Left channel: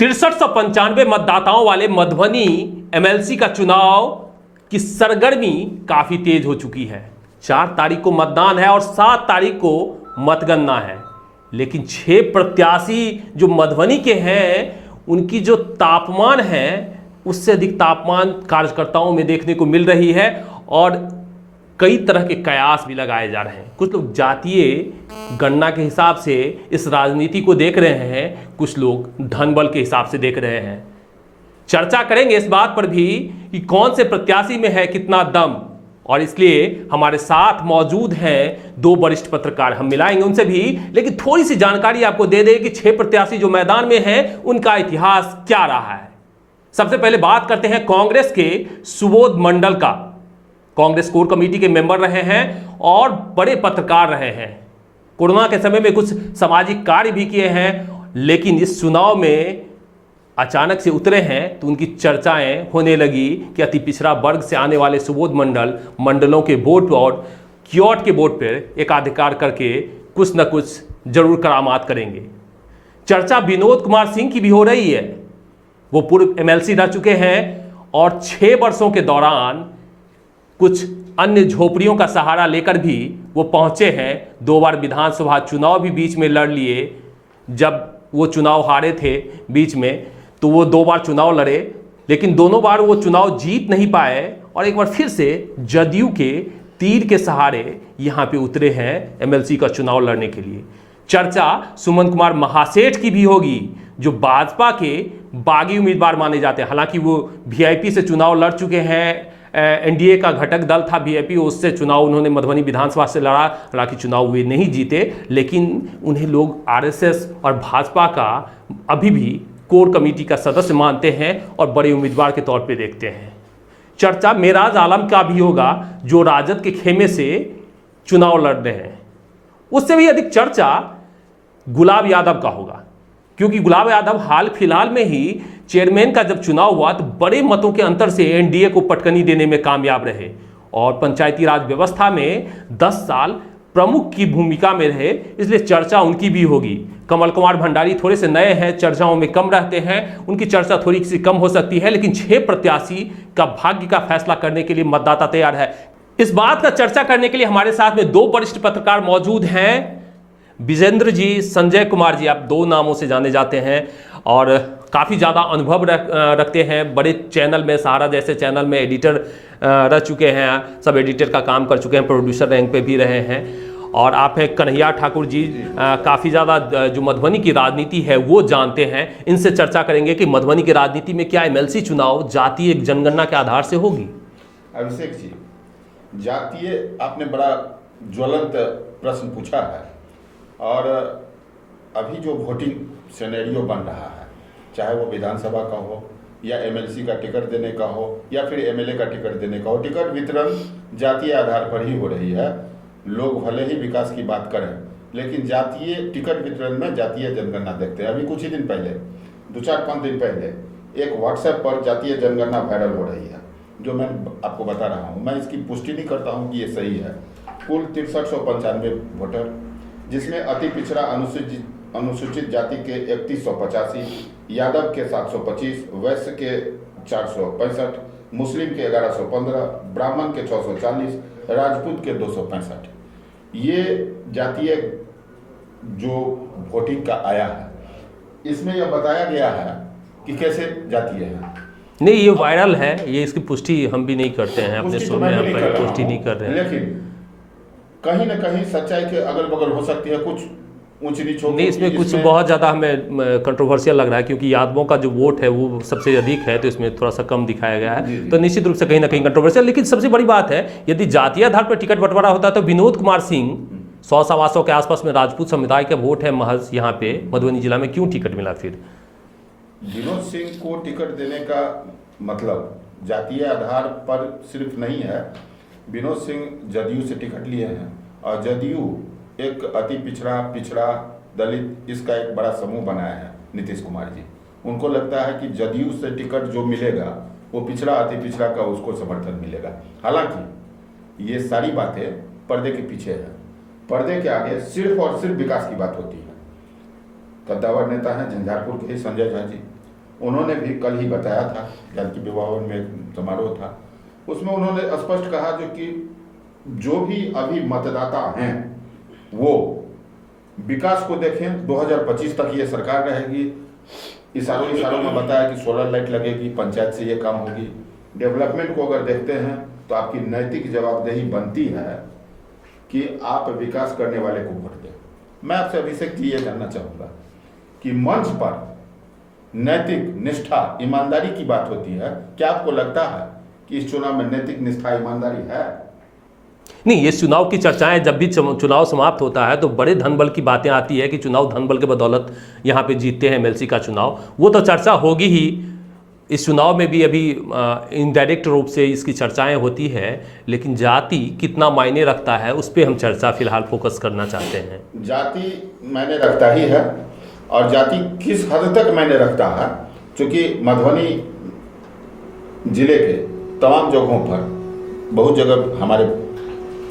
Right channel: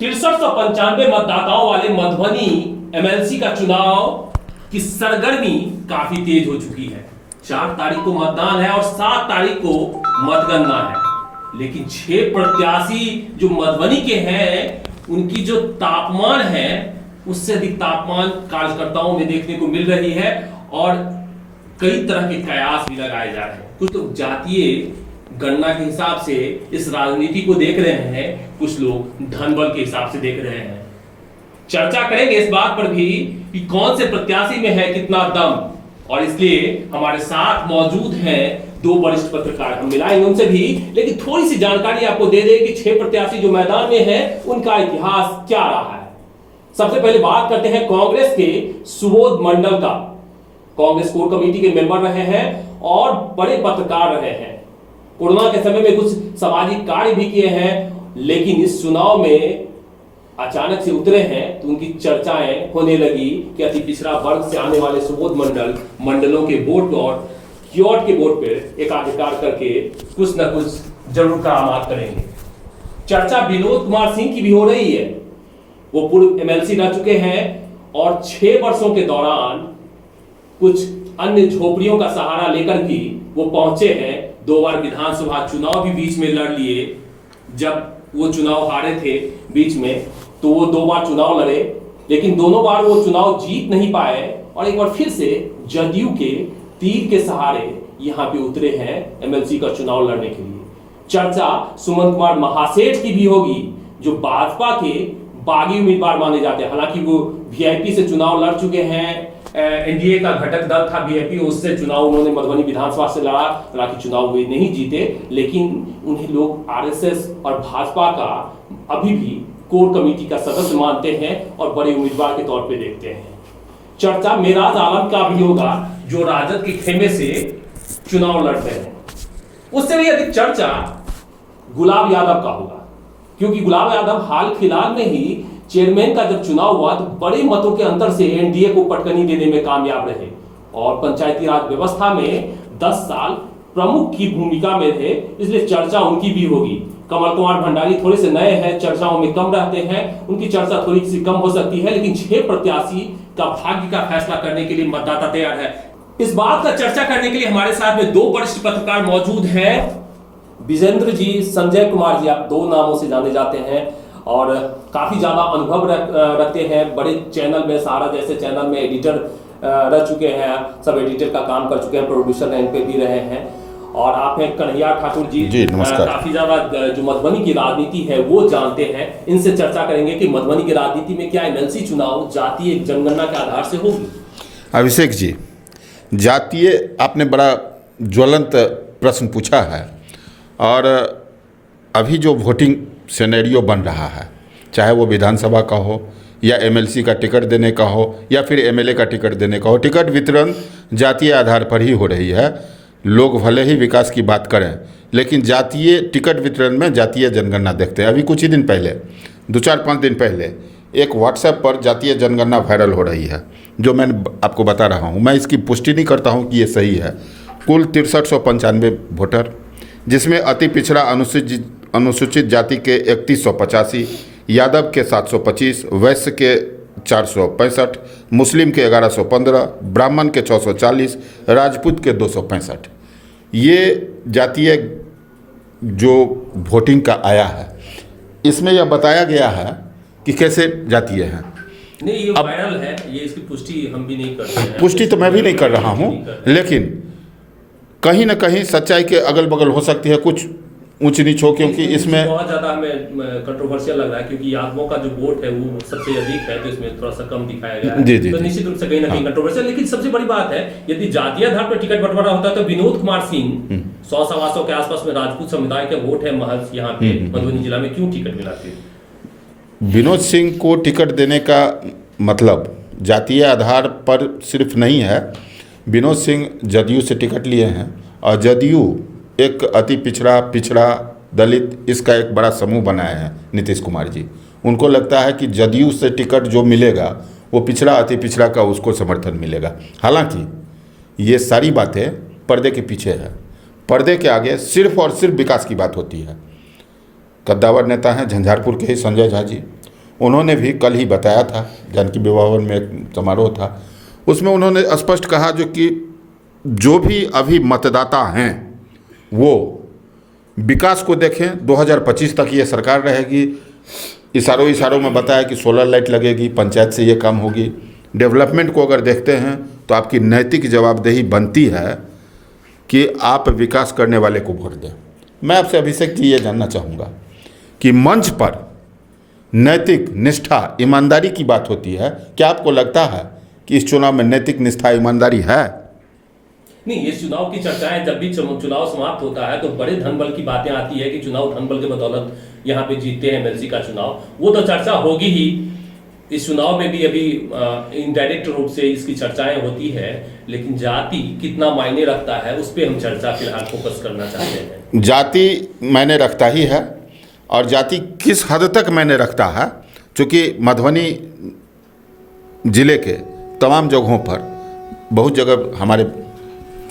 6395 मतदाताओं वाले मधुबनी एमएलसी का चुनाव की सरगर्मी काफी तेज हो चुकी है। 4 तारीख को मतदान है और 7 तारीख को मतगणना है, लेकिन 6 प्रत्याशी जो मधुबनी के हैं उनकी जो तापमान है उससे अधिक तापमान कार्यकर्ताओं में देखने को मिल रही है और कई तरह के कयास भी लगाए जा रहे हैं। कुछ लोग जातीय गणना के हिसाब से इस राजनीति को देख रहे हैं, कुछ लोग धन बल के हिसाब से देख रहे हैं। चर्चा करेंगे इस बात पर भी कि कौन से प्रत्याशी में है कितना दम, और इसलिए हमारे साथ मौजूद हैं 2 वरिष्ठ पत्रकार, हम मिलाएंगे उनसे भी, लेकिन थोड़ी सी जानकारी आपको दे दें कि 6 प्रत्याशी जो मैदान में हैं उनका इतिहास क्या रहा है। सबसे पहले बात करते हैं कांग्रेस के सुबोध मंडल का। कांग्रेस कोर कमेटी के मेंबर रहे हैं और बड़े पत्रकार रहे हैं। कोरोना के समय में कुछ सामाजिक कार्य भी किए हैं, लेकिन इस चुनाव में अचानक से उतरे हैं तो उनकी चर्चाएं होने लगी कि अति पिछड़ा वर्ग से आने वाले सुबोध मंडल मंडलों के वोट और क्योट के वोट पर एकाधिकार करके कुछ न कुछ जरूर करामात करेंगे। चर्चा विनोद कुमार सिंह की भी हो रही है। वो पूर्व एमएलसी रह चुके हैं और 6 वर्षों के दौरान कुछ अन्य झोपड़ियों का सहारा लेकर भी वो पहुंचे हैं। 2 बार विधानसभा चुनाव भी बीच में लड़ लिए। जब वो चुनाव हारे थे बीच में तो वो 2 बार चुनाव लड़े, लेकिन दोनों बार वो चुनाव जीत नहीं पाए और एक बार फिर से जदयू के तीर के सहारे यहां पे उतरे हैं एमएलसी का चुनाव लड़ने के लिए। चर्चा सुमन कुमार महासेठ की भी होगी, जो भाजपा के बागी उम्मीदवार माने जाते हैं। हालांकि वो वीआईपी से चुनाव लड़ चुके हैं, एनडीए का घटक दल था वीआईपी, उससे चुनाव उन्होंने मधुबनी विधानसभा से लड़ा, हालांकि चुनाव वे नहीं जीते, लेकिन उन्हें लोग आरएसएस और भाजपा का अभी भी कोर कमेटी का सदस्य मानते हैं और बड़े उम्मीदवार के तौर पे देखते हैं। चर्चा मेराज आलम का भी होगा, जो राजद के खेमे से चुनाव लड़ रहे हैं। उससे भी अधिक चर्चा गुलाब यादव का होगा, क्योंकि गुलाब यादव हाल फिलहाल में ही चेयरमैन का जब चुनाव हुआ तो बड़े मतों के अंतर से एनडीए को पटकनी देने में कामयाब रहे और पंचायती राज व्यवस्था में 10 साल प्रमुख की भूमिका में रहे, इसलिए चर्चा उनकी भी होगी। कमल कुमार भंडारी थोड़े से नए हैं, चर्चाओं में कम रहते हैं, उनकी चर्चा थोड़ी सी कम हो सकती है, लेकिन 6 प्रत्याशी का भाग्य का फैसला करने के लिए मतदाता तैयार है। इस बात का चर्चा करने के लिए हमारे साथ में 2 वरिष्ठ पत्रकार मौजूद हैं। विजेंद्र जी, संजय कुमार जी, आप 2 नामों से जाने जाते हैं और काफ़ी ज़्यादा अनुभव रखते हैं। बड़े चैनल में, सहारा जैसे चैनल में एडिटर रह चुके हैं, सब एडिटर का काम कर चुके हैं, प्रोड्यूसर रैंक पे भी रहे हैं। और आप हैं कन्हैया ठाकुर जी काफ़ी ज़्यादा जो मधुबनी की राजनीति है वो जानते हैं। इनसे चर्चा करेंगे कि मधुबनी की राजनीति में क्या एमएलसी चुनाव जातीय जनगणना के आधार से होगी। अभिषेक जी, जातीय आपने बड़ा ज्वलंत प्रश्न पूछा है और अभी जो वोटिंग सिनेरियो बन रहा है, चाहे वो विधानसभा का हो या एमएलसी का टिकट देने का हो या फिर एमएलए का टिकट देने का हो, टिकट वितरण जातीय आधार पर ही हो रही है। लोग भले ही विकास की बात करें, लेकिन जातीय टिकट वितरण में जातीय जनगणना देखते हैं। अभी कुछ ही दिन पहले, 2-4-5 दिन पहले एक व्हाट्सएप पर जातीय जनगणना वायरल हो रही है, जो मैं आपको बता रहा हूँ। मैं इसकी पुष्टि नहीं करता हूँ कि ये सही है। कुल 6395 वोटर, जिसमें अति पिछड़ा अनुसूचित जाति के 3185, यादव के 725, वैश्य के 465, मुस्लिम के 1115, ब्राह्मण के 640, राजपूत के 265। ये जातीय जो वोटिंग का आया है, इसमें यह बताया गया है कि कैसे जातीय हैं। नहीं, ये वायरल है, ये इसकी पुष्टि हम भी नहीं करते हैं। पुष्टि तो मैं भी नहीं कर रहा हूँ, लेकिन कहीं ना कहीं सच्चाई के अगल बगल हो सकती है, कुछ ऊंच नीच हो, क्योंकि इसमें बहुत ज़्यादा हमें कंट्रोवर्शियल लग रहा है, क्योंकि यादवों का जो वोट है वो सबसे अधिक है, तो इसमें थोड़ा सा कम दिखाया गया है। तो निश्चित रूप से कहीं ना कहीं कंट्रोवर्शियल। लेकिन सबसे बड़ी बात है, यदि जातीय आधार पर टिकट बंटवारा होता तो विनोद कुमार सिंह 100-125 के आसपास में राजपूत समुदाय का वोट है महज यहाँ पे मधुबनी जिला में, क्यों टिकट मिला? फिर विनोद सिंह को टिकट देने का मतलब जातीय आधार पर सिर्फ नहीं है। विनोद सिंह जदयू से टिकट लिए हैं और जदयू एक अति पिछड़ा दलित, इसका एक बड़ा समूह बनाए हैं नीतीश कुमार जी। उनको लगता है कि जदयू से टिकट जो मिलेगा वो पिछड़ा अति पिछड़ा का उसको समर्थन मिलेगा। हालांकि ये सारी बातें पर्दे के पीछे है। पर्दे के आगे सिर्फ और सिर्फ विकास की बात होती है। कद्दावर नेता हैं झंझारपुर के ही संजय झा जी, उन्होंने भी कल ही बताया था, जानकी विवाह भवन में एक समारोह था, उसमें उन्होंने स्पष्ट कहा जो भी अभी मतदाता हैं वो विकास को देखें। 2025 तक ये सरकार रहेगी। इशारों में बताया कि सोलर लाइट लगेगी, पंचायत से ये काम होगी। डेवलपमेंट को अगर देखते हैं तो आपकी नैतिक जवाबदेही बनती है कि आप विकास करने वाले को वोट दें। मैं आपसे अभिषेक जी ये जानना चाहूँगा कि मंच पर नैतिक निष्ठा, ईमानदारी की बात होती है, क्या आपको लगता है कि इस चुनाव में नैतिक निष्ठा, ईमानदारी है? नहीं, ये चुनाव की चर्चाएं जब भी चुनाव समाप्त होता है तो बड़े धनबल की बातें आती है कि चुनाव धनबल के बदौलत यहाँ पे जीतते हैं एमएलसी का चुनाव। वो तो चर्चा होगी ही। इस चुनाव में भी अभी इनडायरेक्ट रूप से इसकी चर्चाएं होती है, लेकिन जाति कितना मायने रखता है उस पर हम चर्चा फिलहाल फोकस करना चाहते हैं। जाति मायने रखता ही है, और जाति किस हद तक मायने रखता है, क्योंकि मधुबनी जिले के तमाम जगहों पर बहुत जगह हमारे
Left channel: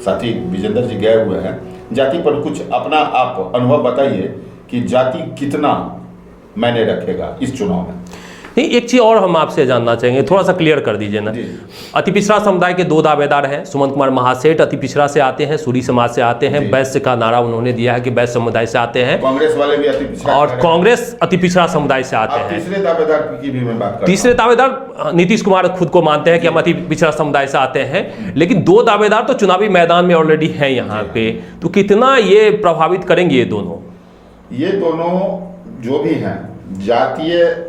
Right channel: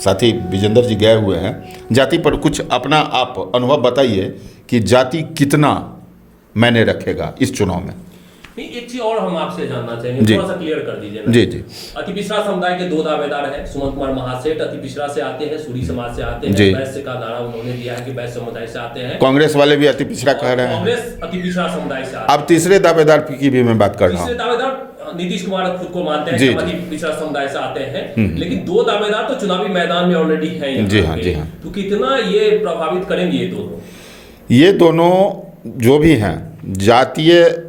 साथी विजेंद्र जी गए हुए हैं। जाति पर कुछ अपना आप अनुभव बताइए कि जाति कितना मायने रखेगा इस चुनाव में। नहीं, एक चीज और हम आपसे जानना चाहेंगे, थोड़ा सा क्लियर कर दीजिए ना। जी जी। अति पिछड़ा समुदाय के 2 दावेदार हैं, सुमंत कुमार महासेठ अति पिछड़ा से आते हैं, सूरी समाज से आते हैं। वैश्य का नारा उन्होंने दिया है कि वैश्य समुदाय से आते हैं। कांग्रेस वाले भी अति पिछड़ा और कांग्रेस अति पिछड़ा समुदाय से आते हैं। अब तीसरे दावेदार की भी मैं बात कर रहा हूं। तीसरे दावेदार नीतीश कुमार खुद को मानते हैं कि हम अति पिछड़ा समुदाय से आते हैं, लेकिन 2 दावेदार तो चुनावी मैदान में ऑलरेडी हैं यहाँ पे। तो कितना ये प्रभावित करेंगे ये दोनों जो भी हैं, जातीय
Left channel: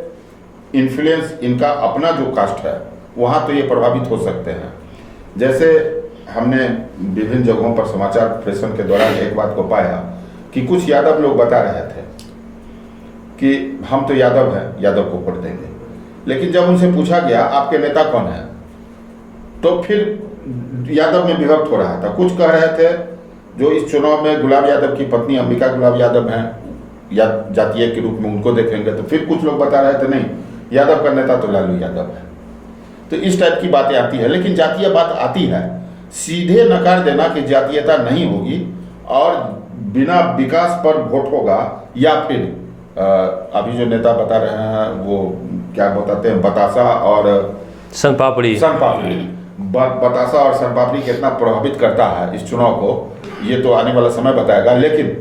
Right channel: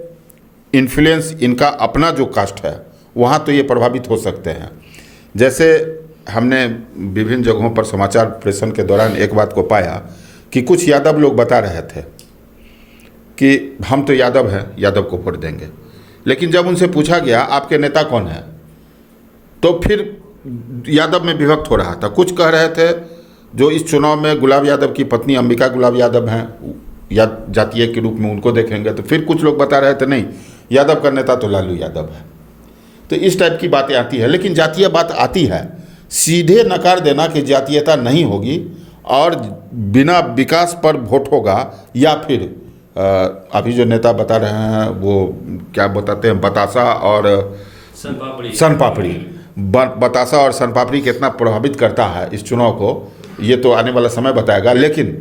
इन्फ्लुएंस इनका अपना जो कास्ट है वहाँ तो ये प्रभावित हो सकते हैं। जैसे हमने विभिन्न जगहों पर समाचार प्रेषण के दौरान एक बात को पाया कि कुछ यादव लोग बता रहे थे कि हम तो यादव हैं, यादव को वोट देंगे, लेकिन जब उनसे पूछा गया आपके नेता कौन है, तो फिर यादव में विभक्त हो रहा था। कुछ कह रहे थे जो इस चुनाव में गुलाब यादव की पत्नी अंबिका गुलाब यादव हैं, या जातीय के रूप में उनको देखेंगे, तो फिर कुछ लोग बता रहे थे नहीं, यादव का नेता तो लालू यादव है। तो इस टाइप की बातें आती हैं, लेकिन जातीय बात आती है, सीधे नकार देना कि जातीयता नहीं होगी और बिना विकास पर वोट होगा, या फिर अभी जो नेता बता रहे हैं वो क्या बताते हैं, बतासा और सनपापड़ी बतासा और सनपापड़ी कितना प्रभावित करता है इस चुनाव को, ये तो आने वाला समय बताएगा। लेकिन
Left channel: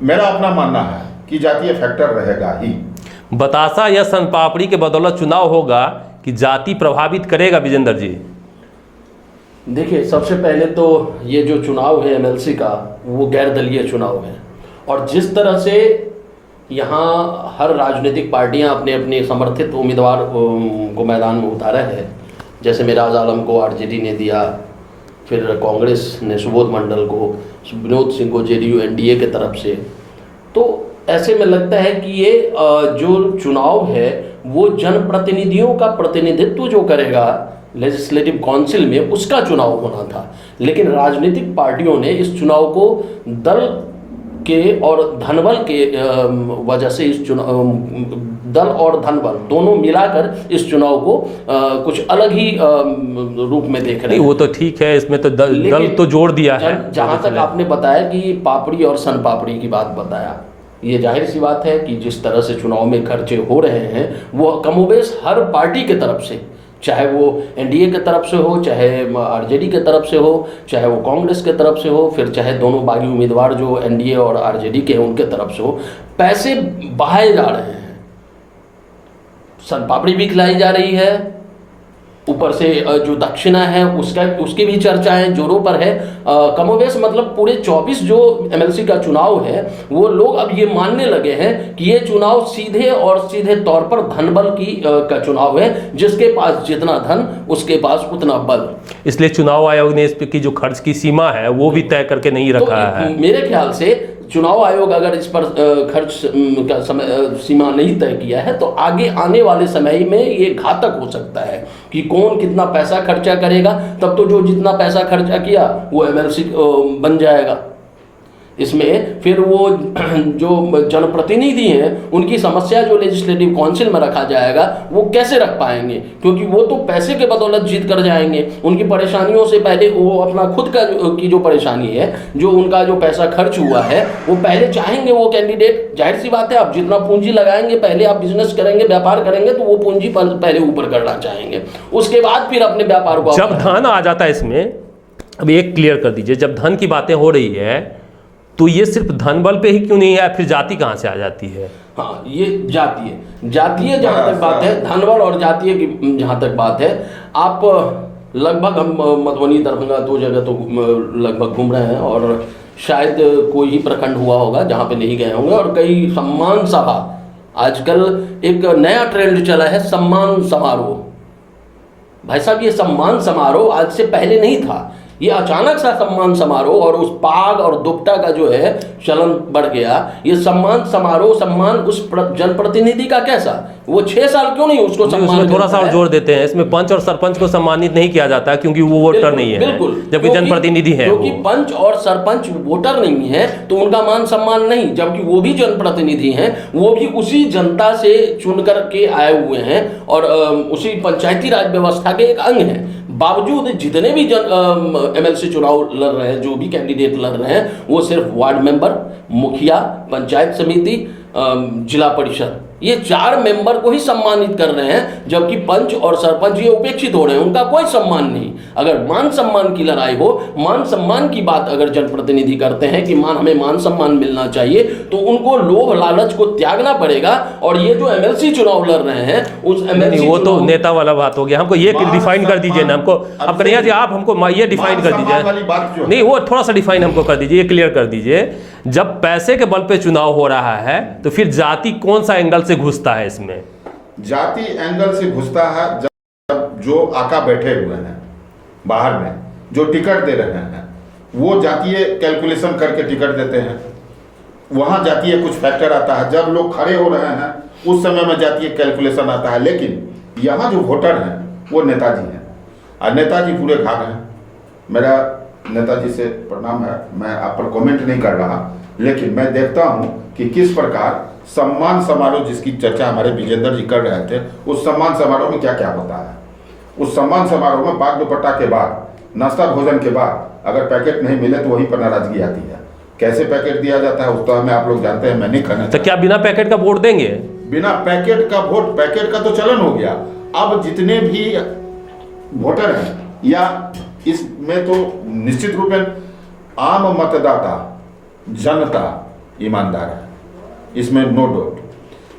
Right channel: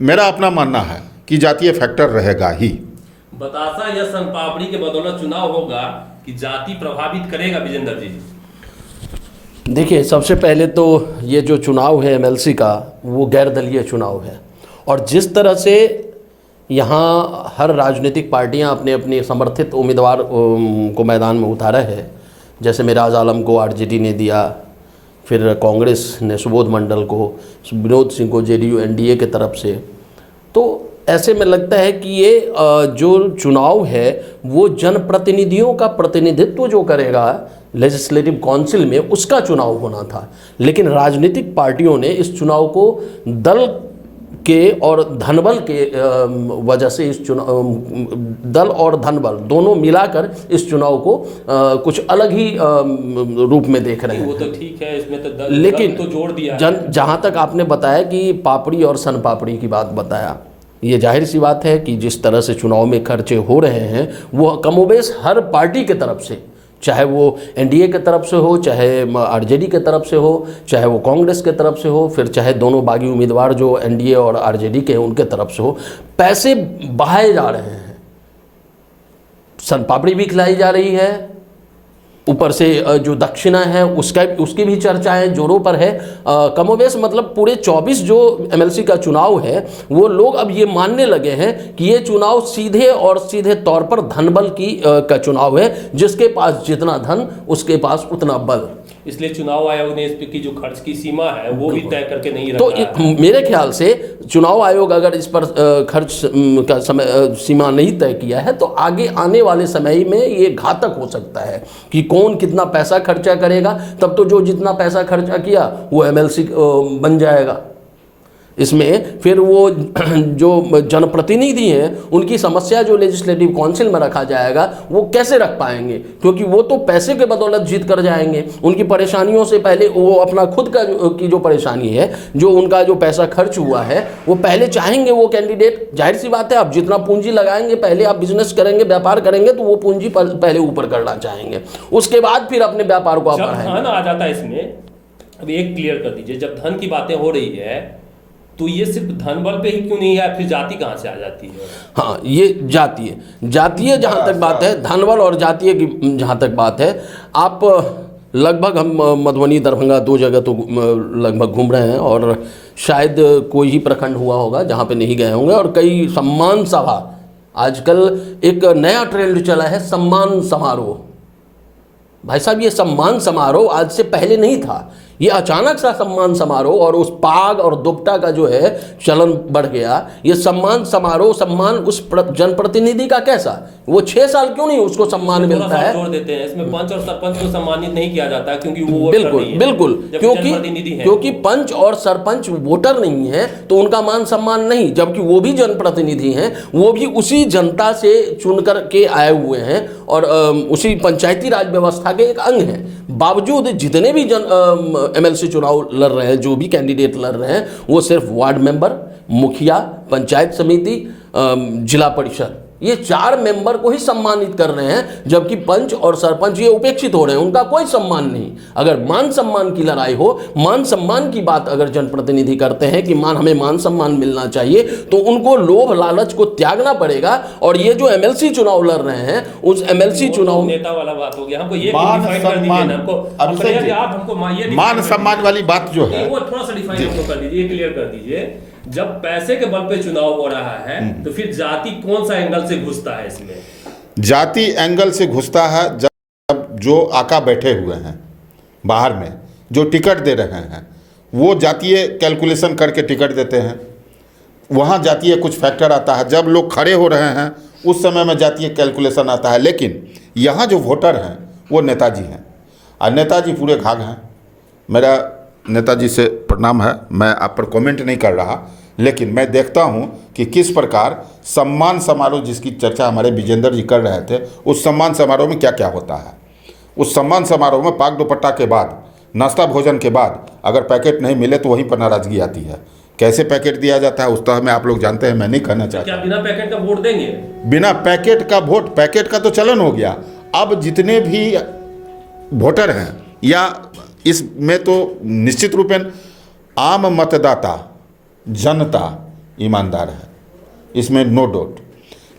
मेरा अपना मानना है कि जातीय फैक्टर रहेगा ही। बतासा या सनपापड़ी के बदौलत चुनाव होगा कि जाति प्रभावित करेगा? विजेंद्र जी देखिए, सबसे पहले तो ये जो चुनाव है एमएलसी का, वो गैर दलीय चुनाव है, और जिस तरह से यहाँ हर राजनीतिक पार्टियाँ अपने अपने समर्थित उम्मीदवार को मैदान में उतारा है, जैसे मिराज आलम को आरजेडी ने दिया, फिर कांग्रेस ने सुबोध मंडल को, विनोद सिंह को जेडीयू एनडीए के तरफ से, तो ऐसे में लगता है कि ये जो चुनाव है वो जनप्रतिनिधियों का प्रतिनिधित्व जो करेगा लेजिस्लेटिव काउंसिल में, उसका चुनाव होना था। लेकिन राजनीतिक पार्टियों ने इस चुनाव को दल के और धनबल के वजह से इस चुनाव, दल और धनबल दोनों मिलाकर इस चुनाव को कुछ अलग ही रूप में देख रहे हैं। वो तो ठीक है, इसमें तो दल तो जोड़ दिया है। जहाँ तक आपने बताया कि पापड़ी और सन पापड़ी की बात बताया, ये जाहिर सी बात है कि जिस तरह से चुनाव में खर्चे हो रहे हैं वो कमोबेश हर पार्टी के तरफ से, चाहे वो एनडीए के तरफ से हो, चाहे आरजेडी के तरफ से हो, चाहे वो कांग्रेस के तरफ से हो, फिर चाहे दोनों बागी उम्मीदवार जो एनडीए और आरजेडी के उनके तरफ से हो, पैसे बहाए जा रहे हैं। सनपापड़ी भी खिलाई जा रही है, ऊपर से जो दक्षिणा है उसकी भी चर्चाएं जोरों पर है। कमोबेश मतलब पूरे 24 जो एमएलसी का चुनाव है वो लोग अब ये मानने लगे हैं कि ये चुनाव सीधे तौर पर धनबल का चुनाव है, जिसके पास जितना धन उसके पास उतना बल। इसलिए चुनाव आयोग ने इस पे की जो खर्च की सीमा है वो भी तय करके नहीं रखा है। मेरे ख्याल से चुनाव आयोग अगर इस पर खर्च का समय सीमा नहीं तय किया है तो आगे आने वाले समय में ये घातक हो सकता है कि कौन कितना पैसा खर्चा करेगा। तब तो जो जितना पैसा खर्चा किया वो एमएलसी बन जाएगा। इसमें फिर वो जो जनप्रतिनिधि हैं उनकी समस्या जो लेजिस्लेटिव काउंसिल में रखा जाएगा वो कैसे रख पाएंगे, क्योंकि वो तो पैसे के बदौलत जीत कर जाएंगे। उनकी परेशानियों से पहले वो अपना खुद का की जो परेशानी है, जो उनका जो पैसा खर्च हुआ है, वो पहले चाहेंगे वो कैंडिडेट। जाहिर सी बात है, आप जितना पूंजी लगाएंगे, पहले आप बिजनेस करेंगे, व्यापार करेंगे, तो वो पूंजी पहले ऊपर करना चाहेंगे, उसके बाद फिर अपने व्यापार को। जब धन आ जाता है इसमें, अब एक क्लियर कर दीजिए, जब धन की बातें हो रही है तो ये सिर्फ धन बल पे ही क्यों नहीं है, फिर जाति कहां से आ जाती है? हाँ, ये जातीय जहां तक बात है, धन बल और जातीय की जहां तक बात है, आप लगभग हम मधुबनी दरभंगा 2 जगह तो लगभग घूम रहे हैं, और शायद कोई ही प्रखंड हुआ होगा जहां पे नहीं गए होंगे। और कई सम्मान सभा, आजकल एक नया ट्रेंड चला है सम्मान समारोह। भाई साहब, ये सम्मान समारोह आज से पहले नहीं था, ये अचानक सा सम्मान समारोह, और उस पाग और दुपट्टा का जो है चलन बढ़ गया। ये सम्मान समारोह, सम्मान उस जनप्रतिनिधि का कैसा, वो 6 साल क्यों नहीं उसको सम्मान थोड़ा सा जोर देते हैं इसमें, पंच और सरपंच को सम्मानित नहीं किया जाता है क्योंकि वो वोटर नहीं है, बिल्कुल, जबकि जनप्रतिनिधि है। क्योंकि पंच और सरपंच वोटर नहीं है तो उनका मान सम्मान नहीं, जबकि वो भी जनप्रतिनिधि हैं, वो भी उसी जनता से चुन कर के आए हुए हैं और उसी पंचायती राज व्यवस्था के एक अंग हैं। बावजूद जितने भी MLC चुनाव लड़ रहे हैं, जो भी कैंडिडेट लड़ रहे हैं, वो सिर्फ वार्ड मेंबर, मुखिया, पंचायत समिति, जिला परिषद, ये 4 मेंबर को ही सम्मानित कर रहे हैं, जबकि पंच और सरपंच ये उपेक्षित हो रहे हैं, उनका कोई सम्मान नहीं। अगर मान सम्मान की लड़ाई हो, मान सम्मान की बात अगर जनप्रतिनिधि करते हैं कि हमें मान सम्मान मिलना चाहिए, तो उनको लोभ लालच को त्यागना पड़ेगा। और ये जो MLC चुनाव लड़ रहे हैं, उस MLC वो चुनाव तो नेता वाला बात हो गया, हमको ये डिफाइन कर दीजिए ना, हमको अब कन्हैया जी आप हमको ये डिफाइन कर दीजिए वाली बात जो नहीं, वो थोड़ा सा डिफाइन हमको कर दीजिए, क्लियर कर दीजिए। जब पैसे के बल पे चुनाव हो रहा है तो फिर जाति कौन सा एंगल से घुसता है इसमें? जाति एंगल से घुसता है जब जो आका बैठे हुए हैं बाहर में, जो टिकट दे रहे हैं, वो जातीय कैलकुलेशन करके टिकट देते हैं। वहाँ जातीय कुछ फैक्टर आता है, जब लोग खड़े हो रहे हैं उस समय में जातीय कैलकुलेशन आता है। लेकिन यहाँ जो वोटर हैं वो नेताजी हैं, और नेताजी पूरे घाघ हैं। मेरा नेताजी से प्रणाम है, मैं आप पर कमेंट नहीं कर रहा, लेकिन मैं देखता हूं कि किस प्रकार सम्मान समारोह जिसकी चर्चा हमारे विजेंद्र जी कर रहे थे, उस सम्मान समारोह में क्या क्या होता है। उस सम्मान समारोह में पाग दुपट्टा के बाद, नाश्ता भोजन के बाद अगर पैकेट नहीं मिले तो वहीं पर नाराजगी आती है। कैसे पैकेट दिया जाता है उस तरह में आप लोग जानते हैं, मैं नहीं कहना चाहता। तो क्या बिना पैकेट का वोट देंगे? बिना पैकेट का वोट, पैकेट का तो चलन हो गया। अब जितने भी वोटर हैं, या इसमें तो निश्चित रूप में आम मतदाता, जनता ईमानदार है, इसमें नो डाउट।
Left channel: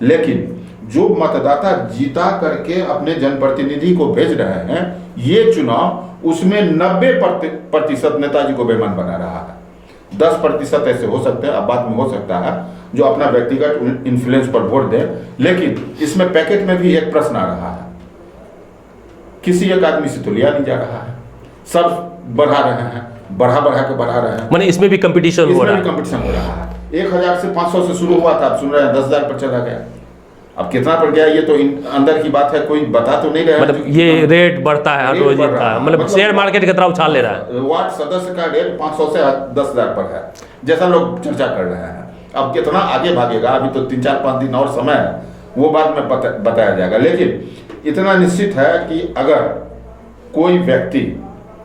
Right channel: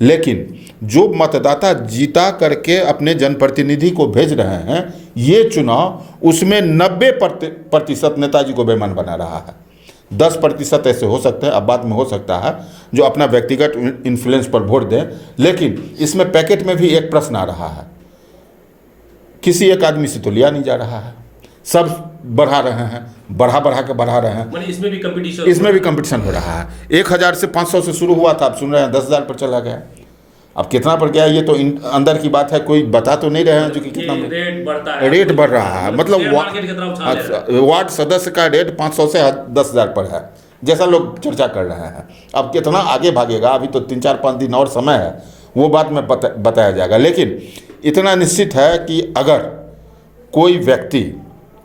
लेकिन जो मतदाता जीता करके अपने जनप्रतिनिधि को भेज रहे हैं, ये चुनाव, उसमें 90% नेताजी को बेईमान बना रहा है। 10% ऐसे हो सकते हैं, अब बाद में हो सकता है, जो अपना व्यक्तिगत इन्फ्लुएंस पर वोट दें। लेकिन इसमें पैकेट में भी एक प्रश्न आ रहा है, किसी एक आदमी से तो लिया नहीं जा रहा है, सब बढ़ा रहे हैं, बढ़ा के बढ़ा रहे हैं। माने इसमें भी कंपटीशन हो रहा है। 1000 से 500 से शुरू हुआ था, आप सुन रहे हैं 10,000 पर चला गया। अब कितना बढ़ गया ये तो अंदर की बात है, कोई बता तो नहीं रहा है। मतलब ये रेट बढ़ता है, रेट बढ़ रहा है, मतलब शेयर मार्केट की तरह उछाल ले रहा है। वार्ड सदस्य का रेट 500 से 10,000 पर है, जैसा लोग चर्चा कर रहे हैं। अब कितना आगे भागेगा, अभी तो 3-4-5 दिन और समय है, वो बाद में बताया जाएगा। लेकिन इतना निश्चित है कि अगर कोई व्यक्ति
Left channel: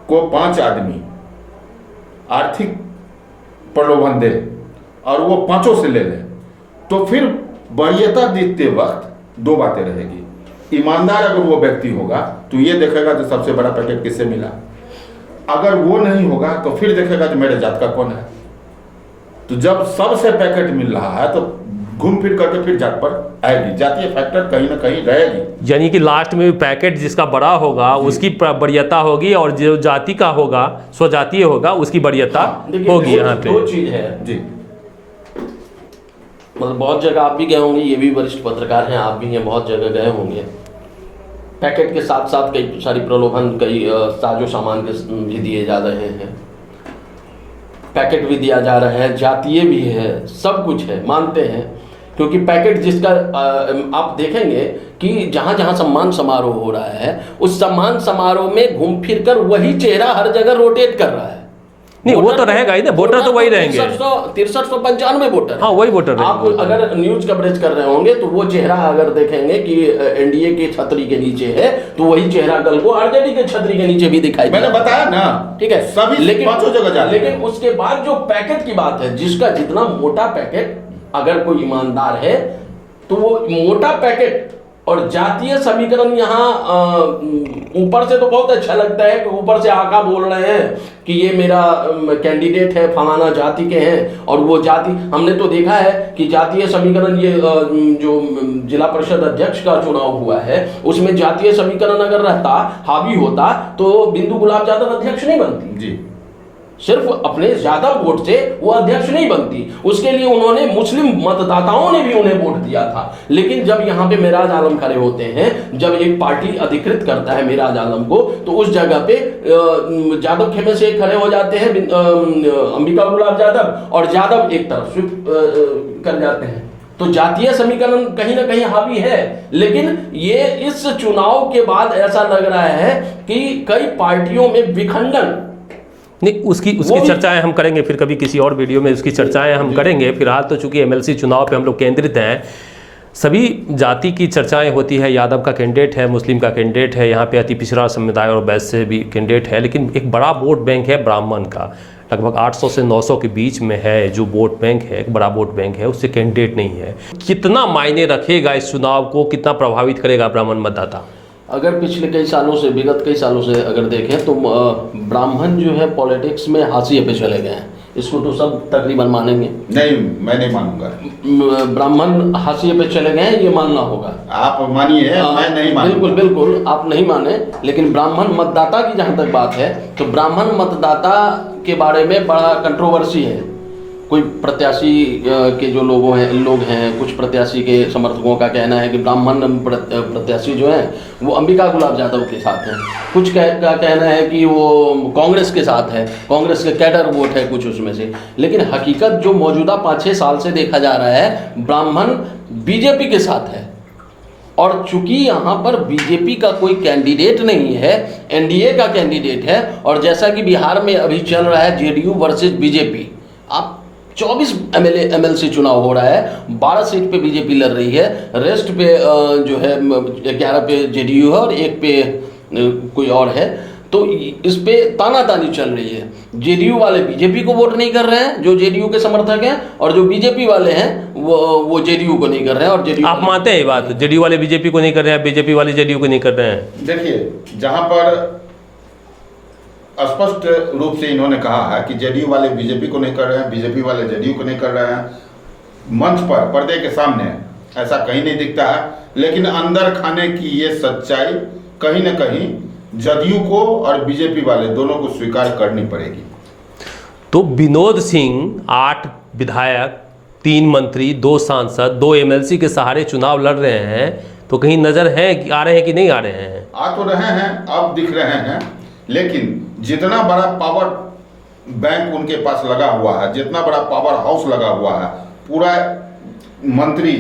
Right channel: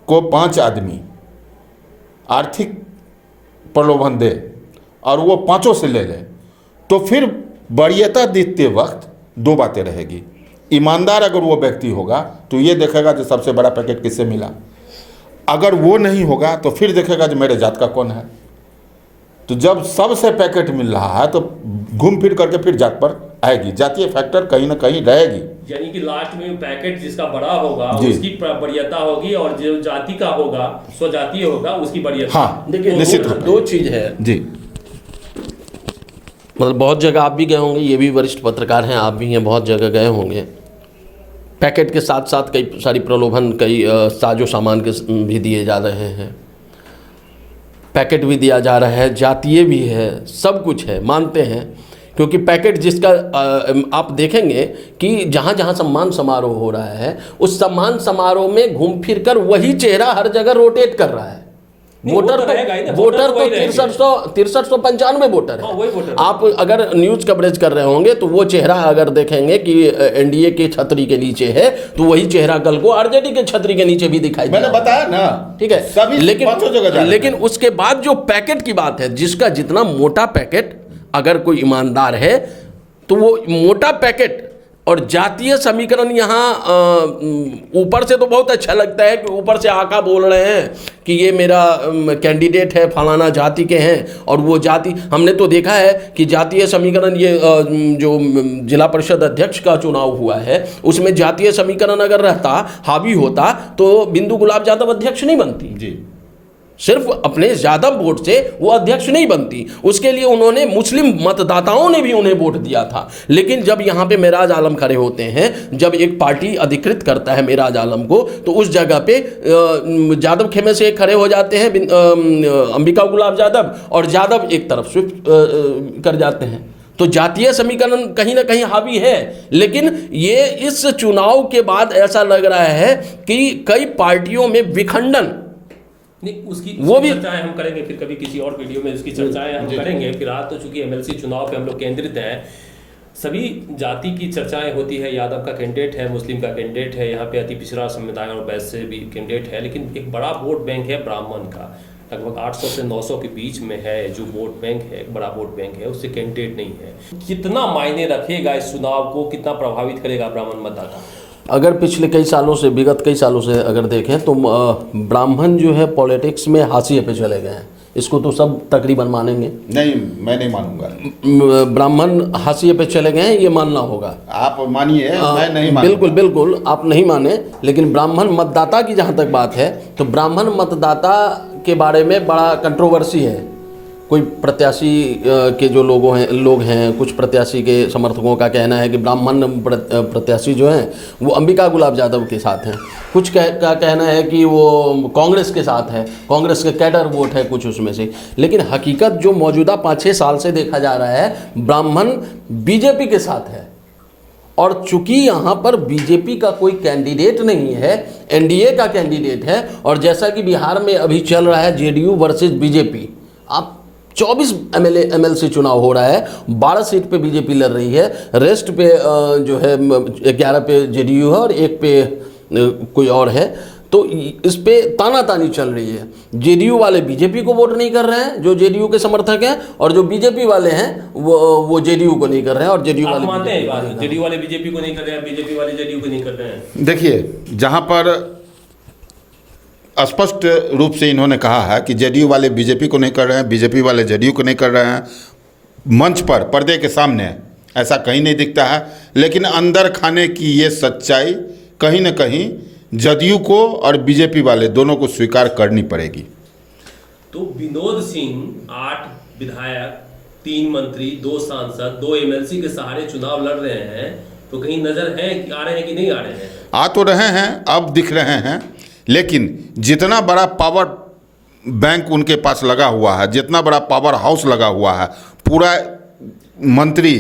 को 5 आदमी आर्थिक प्रलोभन दे और वो 5 से ले ले, तो फिर वरीयता देते वक्त 2 बातें रहेगी। ईमानदार अगर वो व्यक्ति होगा तो ये देखेगा जो सबसे बड़ा पैकेट किससे मिला, अगर वो नहीं होगा तो फिर देखेगा जो मेरे जात का कौन है। तो जब सबसे पैकेट मिल रहा है तो घूम फिर करके फिर जात पर आएगी, जातीय फैक्टर कहीं ना कहीं रहेगी। यानी कि लास्ट में पैकेट जिसका बड़ा होगा उसकी वरीयता होगी, और जो जाति का होगा, स्वजातीय होगा, उसकी वरीयता होगी। यहाँ पे 2 चीज है जी, मतलब बहुत जगह आप भी गए होंगे, ये भी वरिष्ठ पत्रकार हैं, आप भी हैं, बहुत जगह गए होंगे। पैकेट के साथ साथ कई सारी प्रलोभन, कई साजो सामान के भी दिए जा रहे हैं, पैकेट भी दिया जा रहा है, जातीय भी है, सब कुछ है, मानते हैं। क्योंकि पैकेट जिसका आप देखेंगे कि जहाँ जहाँ सम्मान समारोह हो रहा है, उस सम्मान समारोह में घूम फिर कर वही चेहरा हर जगह रोटेट कर रहा है। नहीं, वो तो रहेगा ही ना, वोटर तो वही रहेंगे। 6395 वोटर हाँ, वही वोटर आप अगर न्यूज कवरेज कर रहे होंगे तो वो चेहरा अगर देखेंगे कि एनडीए के छतरी के नीचे है, तो वही चेहरा कल को आरजेडी के छतरी के नीचे भी दिखाई मैंने देगा। बताया ना, ठीक है, सभी लेकिन पांचों जगह जा रहे हैं। लेकिन उसके बाद जो पैकेट की बात है, जिसका जितना मोटा पैकेट, अगर कोई ईमानदार है तो वो मोटा पैकेट और जातीय समीकरण यहाँ ऊपर से तो बहुत अच्छा लगता है कि ऊपर से आका बोल रहे हैं कि ये मेरा कैंडिडेट है, फलाना जाति के हैं, और वो जाति, हमने तो देखा है कि जातीय समीकरण, ये जो जिला परिषद अध्यक्ष का चुनाव हुआ है उसमें जातीय समीकरण अगर रहता, हावी होता, तो बिंदु गुलाब यादव अध्यक्ष नहीं बनती जी। सिर्फ अपने ज्यादा वोट से वो अध्यक्ष नहीं बनती, उसके लिए उन्होंने मुस्लिम मतदाताओं ने भी उन्हें वोट दिया था। लेकिन जब यहाँ पे मेराज आलम खड़े होते हैं, जब एक पार्टी अधिकृत करता है मेराज आलम को, तो उस जगह पे यादव खेमे से खड़े हो जाते हैं अंबिका गुलाब यादव, और यादव एक तरफ स्विफ्ट कर जाते हैं। तो जातीय समीकरण कहीं ना कहीं हावी है, लेकिन ये इस चुनाव के बाद ऐसा लग रहा है कि कई पार्टियों में विखंडन, नहीं, उसकी चर्चाएं हम करेंगे फिर कभी किसी और वीडियो में, उसकी चर्चाएं हम करेंगे। फिलहाल तो चूंकि एमएलसी चुनाव पे हम लोग केंद्रित हैं, सभी जाति की चर्चाएं होती है। यादव का कैंडिडेट है, मुस्लिम का कैंडिडेट है, यहाँ पे अति पिछड़ा समुदाय और वैश्य भी कैंडिडेट है, लेकिन एक बड़ा वोट बैंक है ब्राह्मण का, लगभग 800 से 900 के बीच में है जो वोट बैंक है, एक बड़ा वोट बैंक है, उससे कैंडिडेट नहीं है। कितना मायने रखेगा इस चुनाव को, कितना प्रभावित करेगा ब्राह्मण मतदाता? अगर पिछले कई सालों से, विगत कई सालों से अगर देखें तो ब्राह्मण जो है पॉलिटिक्स में हाशिए पे चले गए हैं, इसको तो सब तकरीबन मानेंगे। नहीं, मैं नहीं मानूंगा। ब्राह्मण हाशिए पे चले गए हैं, ये मानना होगा। आप मानिए, मैं नहीं मानूंगा। बिल्कुल बिल्कुल, आप नहीं माने, लेकिन ब्राह्मण मतदाता की जहाँ तक बात है तो ब्राह्मण मतदाता के बारे में बड़ा कंट्रोवर्सी है। कोई प्रत्याशी के जो लोग हैं, कुछ प्रत्याशी के समर्थकों का कहना है कि ब्राह्मण प्रत्याशी जो हैं वो अंबिका गुलाब यादव के साथ हैं, कुछ का कहना है कि वो कांग्रेस के साथ है, कांग्रेस के कैडर वोट है कुछ उसमें से। लेकिन हकीकत जो मौजूदा 5-6 साल से देखा जा रहा है, ब्राह्मण बीजेपी के साथ है। और चूंकि यहाँ पर बीजेपी का कोई कैंडिडेट नहीं है, एनडीए का कैंडिडेट है, और जैसा कि बिहार में अभी चल रहा है जेडीयू वर्सेस बीजेपी, आप 24 एमएलसी चुनाव हो रहा है, 12 सीट पे बीजेपी लड़ रही है, रेस्ट पे जो है 11 पे जेडीयू है और 1 पे कोई और है। तो इस पे तानातानी चल रही है। जेडीयू वाले बीजेपी को वोट नहीं कर रहे हैं जो जेडीयू के समर्थक हैं, और जो बीजेपी वाले हैं वो जेडीयू को नहीं कर रहे हैं। और जेडीयू, आप मानते हैं ये बात, जेडीयू वाले बीजेपी को नहीं कर रहे हैं, बीजेपी वाले जेडीयू को नहीं कर रहे हैं? देखिए, जहां पर स्पष्ट रूप से इन्होंने कहा है कि जेडीयू वाले बीजेपी को नहीं कर रहे हैं, बीजेपी वाले जेडीयू को नहीं कर रहे हैं, मंच पर पर्दे के सामने ऐसा कहीं नहीं दिखता है, लेकिन अंदर खाने की ये सच्चाई कहीं न कहीं जदयू को और बीजेपी वाले दोनों को स्वीकार करनी पड़ेगी। तो विनोद सिंह 8 विधायक, 3 मंत्री, 2 सांसद, 2 एमएलसी के सहारे चुनाव लड़ रहे हैं, तो कहीं नजर है, आ रहे हैं कि नहीं आ रहे हैं? आ तो रहे हैं, अब दिख रहे हैं, लेकिन जितना बड़ा पावर बैंक उनके पास लगा हुआ है, जितना बड़ा पावर हाउस लगा हुआ है, पूरा मंत्री,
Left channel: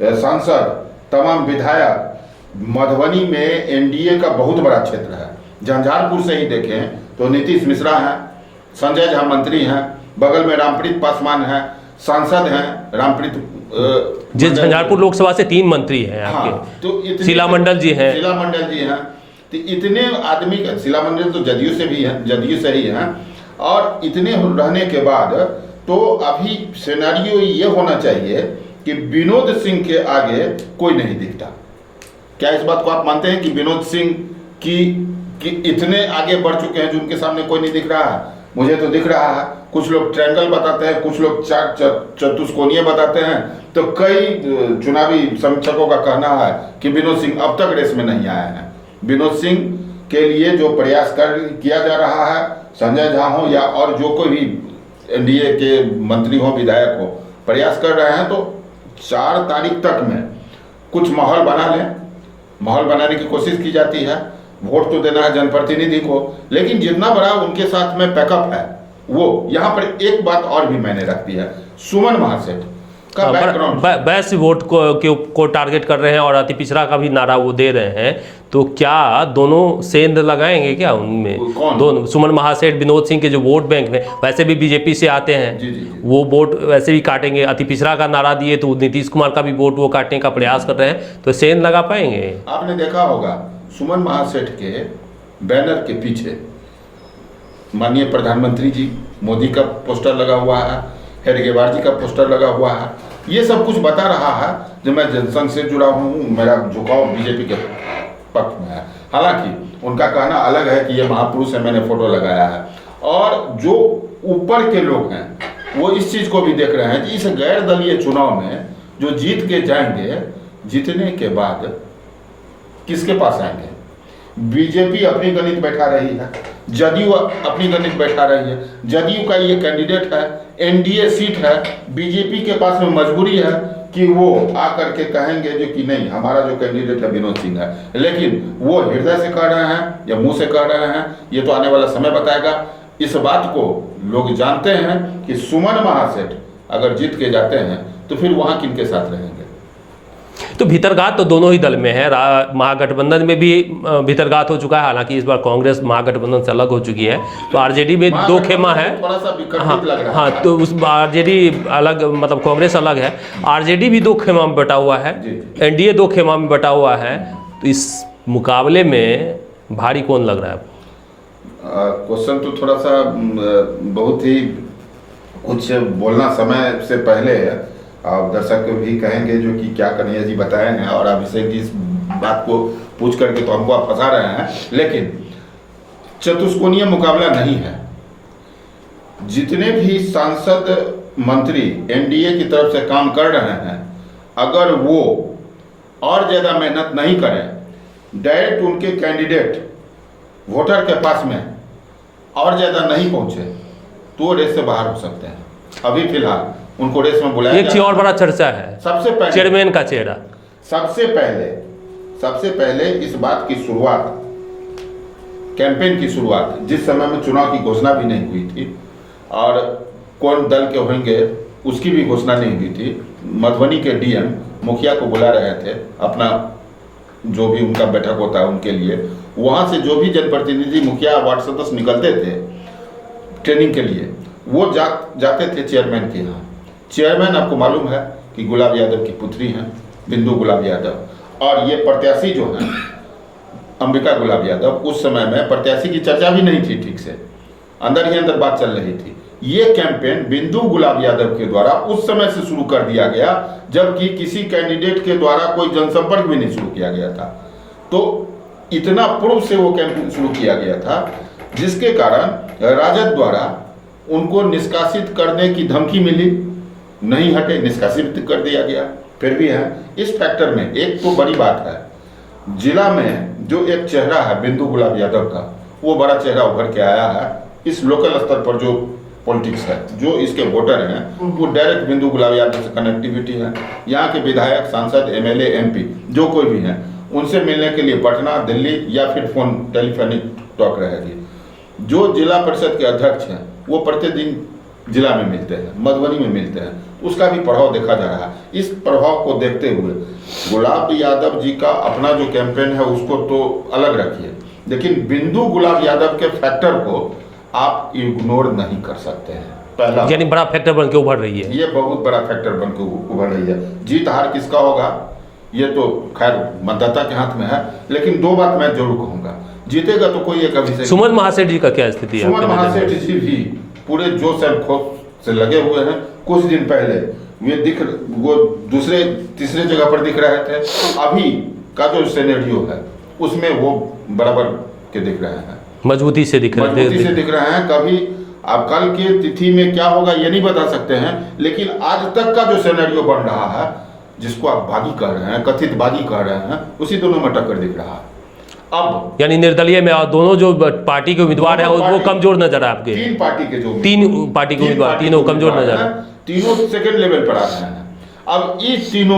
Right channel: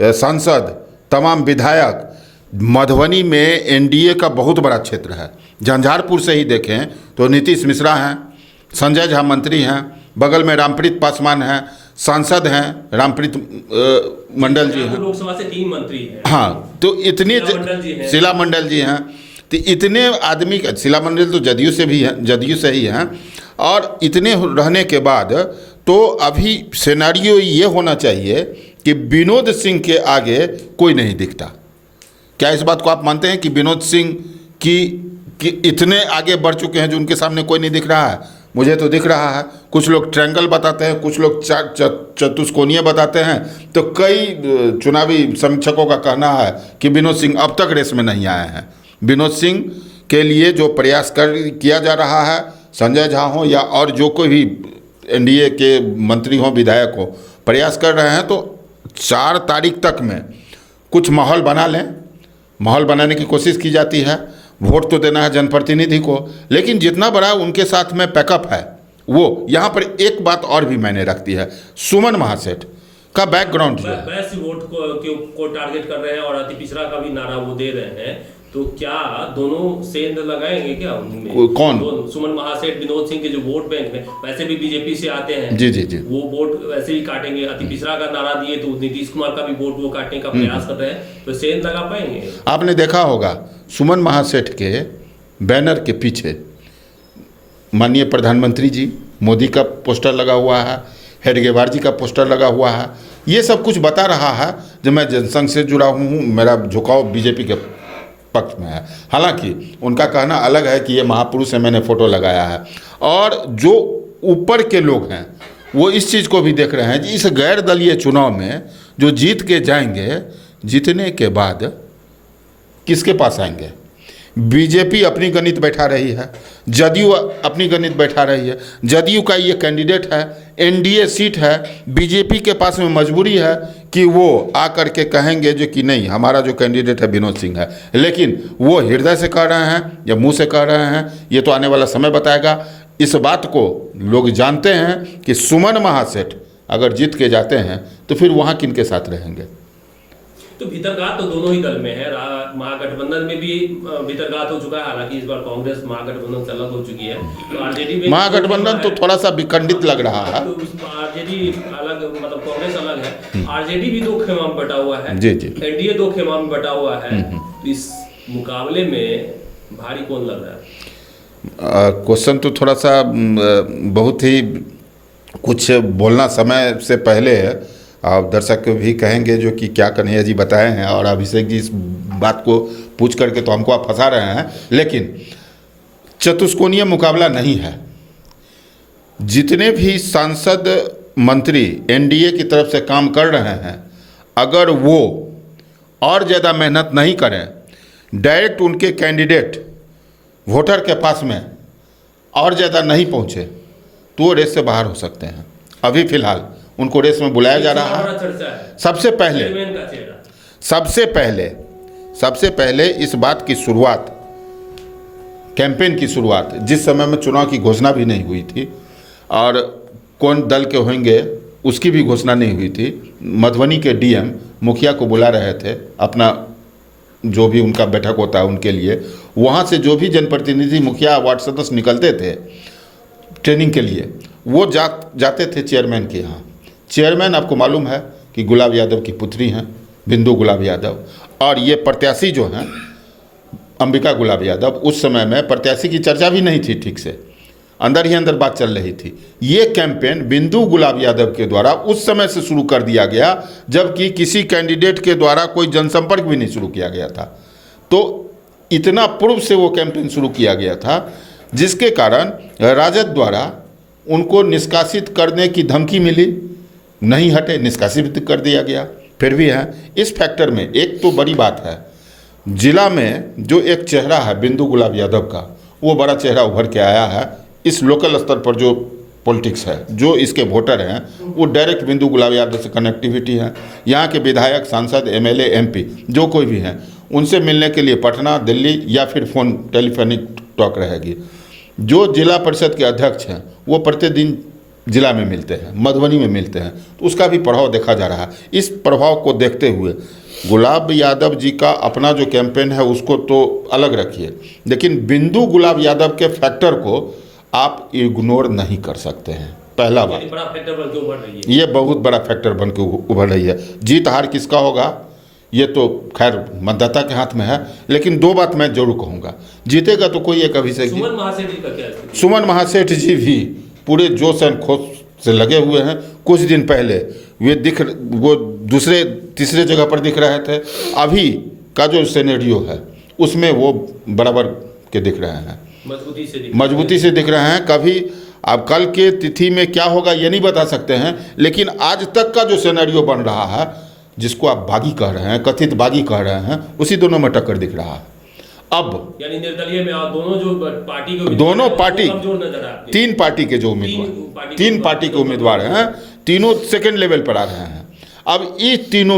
सांसद, तमाम विधायक, मधुबनी में एनडीए का बहुत बड़ा क्षेत्र है। झंझारपुर से ही देखें तो नीतीश मिश्रा हैं, संजय झा मंत्री हैं, बगल में रामप्रीत पासवान हैं, सांसद हैं, रामप्रीत मंडल, झंझारपुर लोकसभा से 3 मंत्री हैं। हाँ, तो इतने शीला मंडल जी हैं, शीला मंडल जी हैं, तो इतने आदमी, शीला मंडल तो जदयू से भी है, जदयू से ही हैं, और इतने रहने के बाद तो अभी सिनेरियो ये होना चाहिए कि विनोद सिंह के आगे कोई नहीं दिखता। क्या इस बात को आप मानते हैं कि विनोद सिंह कि इतने आगे बढ़ चुके हैं जो उनके सामने कोई नहीं दिख रहा है? मुझे तो दिख रहा है। कुछ लोग ट्रायंगल बताते हैं, कुछ लोग चतुष्कोणीय बताते हैं, तो कई चुनावी समीक्षकों का कहना है कि विनोद सिंह अब तक रेस में नहीं आए हैं। विनोद सिंह के लिए जो प्रयास किया जा रहा है, संजय झा हो या और जो कोई भी एनडीए के मंत्री हो, विधायक हो, प्रयास कर रहे हैं, तो 4 तारीख तक में कुछ माहौल बना लें। माहौल बनाने की कोशिश की जाती है, वोट तो देना है जनप्रतिनिधि को, लेकिन जितना बड़ा उनके साथ में पैकअप है वो, यहाँ पर एक बात और भी मायने रखती है। सुमन महासेठ का बैकग्राउंड वैसे वोट को टारगेट कर रहे हैं और अति पिछड़ा का भी नारा वो दे रहे हैं, तो क्या दोनों सेंध लगाएंगे क्या उनमें? कौन? दोनों, सुमन महासेठ, विनोद सिंह के जो वोट बैंक में वैसे भी बीजेपी से आते हैं, जी जी जी, वो वोट वैसे भी काटेंगे। अति पिछड़ा का नारा दिए तो नीतीश कुमार का भी वोट वो काटने का प्रयास कर रहे हैं, तो सेंध लगा पाएंगे? आपने देखा होगा सुमन महासेठ के बैनर के पीछे माननीय प्रधानमंत्री जी मोदी का पोस्टर लगा हुआ है, हेडगेवार जी का पोस्टर लगा हुआ है। ये सब कुछ बता रहा है जब मैं जनसंघ से जुड़ा हूँ, मेरा झुकाव बीजेपी के पक्ष में है। हालांकि उनका कहना अलग है कि ये महापुरुष है, मैंने फोटो लगाया है। और जो ऊपर के लोग हैं वो इस चीज़ को भी देख रहे हैं कि इस गैर दलीय चुनाव में जो जीत के जाएंगे, जीतने के बाद किसके पास आएंगे? बीजेपी अपनी गणित बैठा रही है, जदयू अपनी गणित बैठा रही है। जदयू का ये कैंडिडेट है, एनडीए सीट है, बीजेपी के पास में मजबूरी है कि वो आकर के कहेंगे जो कि नहीं हमारा जो कैंडिडेट है विनोद सिंह है, लेकिन वो हृदय से कह रहे हैं या मुंह से कह रहे हैं ये तो आने वाला समय बताएगा। इस बात को लोग जानते हैं कि सुमन महासेठ अगर जीत के जाते हैं तो फिर वहाँ किन के साथ रहेंगे? तो भीतरघात तो दोनों ही दल में है। महागठबंधन में भी भीतरघात हो चुका है, हालांकि इस बार कांग्रेस महागठबंधन से अलग हो चुकी है। तो आरजेडी में दो खेमा है, तो थोड़ा सा विकर्णित लग रहा है। तो उस आरजेडी अलग, मतलब कांग्रेस अलग है, आरजेडी भी दो खेमा में बटा हुआ है, जी जी, एनडीए दो खेमा में बटा हुआ है। तो इस मुकाबले में भारी कौन लग रहा है? क्वेश्चन तो थोड़ा सा बहुत ही कुछ बोलना समय से पहले है। आप दर्शक भी कहेंगे जो कि क्या कन्हैया जी बताए हैं और अभिषेक जी इस बात को पूछ करके तो हमको आप फंसा रहे हैं, लेकिन चतुष्कोणीय मुकाबला नहीं है। जितने भी सांसद मंत्री एनडीए की तरफ से काम कर रहे हैं, अगर वो और ज़्यादा मेहनत नहीं करें, डायरेक्ट उनके कैंडिडेट वोटर के पास में और ज़्यादा नहीं पहुँचे, तो वो रेस से बाहर हो सकते हैं। अभी फिलहाल उनको रेस में बुलाया जा रहा है। और बड़ा चर्चा है सबसे पहले चेयरमैन का चेहरा। सबसे पहले इस बात की शुरुआत, कैंपेन की शुरुआत, जिस समय में चुनाव की घोषणा भी नहीं हुई थी और कौन दल के होंगे उसकी भी घोषणा नहीं हुई थी, मधुबनी के डीएम मुखिया को बुला रहे थे अपना जो भी उनका बैठक होता है उनके लिए। वहाँ से जो भी जनप्रतिनिधि मुखिया वार्ड सदस्य निकलते थे ट्रेनिंग के लिए, वो जाते थे चेयरमैन के यहाँ। चेयरमैन आपको मालूम है कि गुलाब यादव की पुत्री हैं, बिंदु गुलाब यादव, और ये प्रत्याशी जो हैं अंबिका गुलाब यादव, उस समय में प्रत्याशी की चर्चा भी नहीं थी ठीक से, अंदर ही अंदर बात चल रही थी। ये कैंपेन बिंदु गुलाब यादव के द्वारा उस समय से शुरू कर दिया गया जबकि किसी कैंडिडेट के द्वारा कोई जनसंपर्क भी नहीं शुरू किया गया था। तो इतना पूर्व से वो कैंपेन शुरू किया गया था, जिसके कारण राजद द्वारा उनको निष्कासित करने की धमकी मिली, नहीं हटे, निष्कासित कर दिया गया। फिर भी है इस फैक्टर में एक तो बड़ी बात है, जिला में जो एक चेहरा है बिंदु गुलाब यादव का, वो बड़ा चेहरा उभर के आया है। इस लोकल स्तर पर जो पॉलिटिक्स है, जो इसके वोटर हैं, वो डायरेक्ट बिंदु गुलाब यादव से कनेक्टिविटी है। यहाँ के विधायक, सांसद, एमएलए, एमपी जो कोई भी हैं, उनसे मिलने के लिए पटना, दिल्ली या फिर फ़ोन टेलीफोनिक टॉक रहेगी। जो जिला परिषद के अध्यक्ष हैं वो प्रतिदिन जिला में मिलते हैं, मधुबनी में मिलते हैं, तो उसका भी प्रभाव देखा जा रहा है। इस प्रभाव को देखते हुए गुलाब यादव जी का अपना जो कैंपेन है उसको तो अलग रखिए, लेकिन बिंदु गुलाब यादव के फैक्टर को आप इग्नोर नहीं कर सकते हैं। पहला, यानी बड़ा फैक्टर बन के उभर रही है, ये बहुत बड़ा फैक्टर बन के उभर रही है। जीत हार किसका होगा ये तो खैर मतदाता के हाथ में है, लेकिन दो बात मैं जरूर कहूँगा, जीतेगा तो कोई एक अभिषेक। सुमन महासेठ जी का क्या स्थिति है? सुमन महासेठ जी भी पूरे जोश एंड खोश से लगे हुए हैं। कुछ दिन पहले वो दूसरे तीसरे जगह पर दिख रहे थे, अभी का जो सिनेरियो है उसमें वो बराबर के दिख रहे हैं, मजबूती से दिख रहे हैं। कभी अब कल के तिथि में क्या होगा ये नहीं बता सकते हैं, लेकिन आज तक का जो सिनेरियो बन रहा है, जिसको आप बागी कह रहे हैं, कथित बागी कह रहे हैं, उसी दोनों में टक्कर दिख रहा है। अब यानी निर्दलीय में दोनों जो पार्टी के उम्मीदवार हैं वो कमजोर नजर आ आपके? तीन पार्टी के जो तीन पार्टी के उम्मीदवार तीनों कमजोर नजर, तीनों सेकंड लेवल पर आ रहे हैं। अब ये तीनों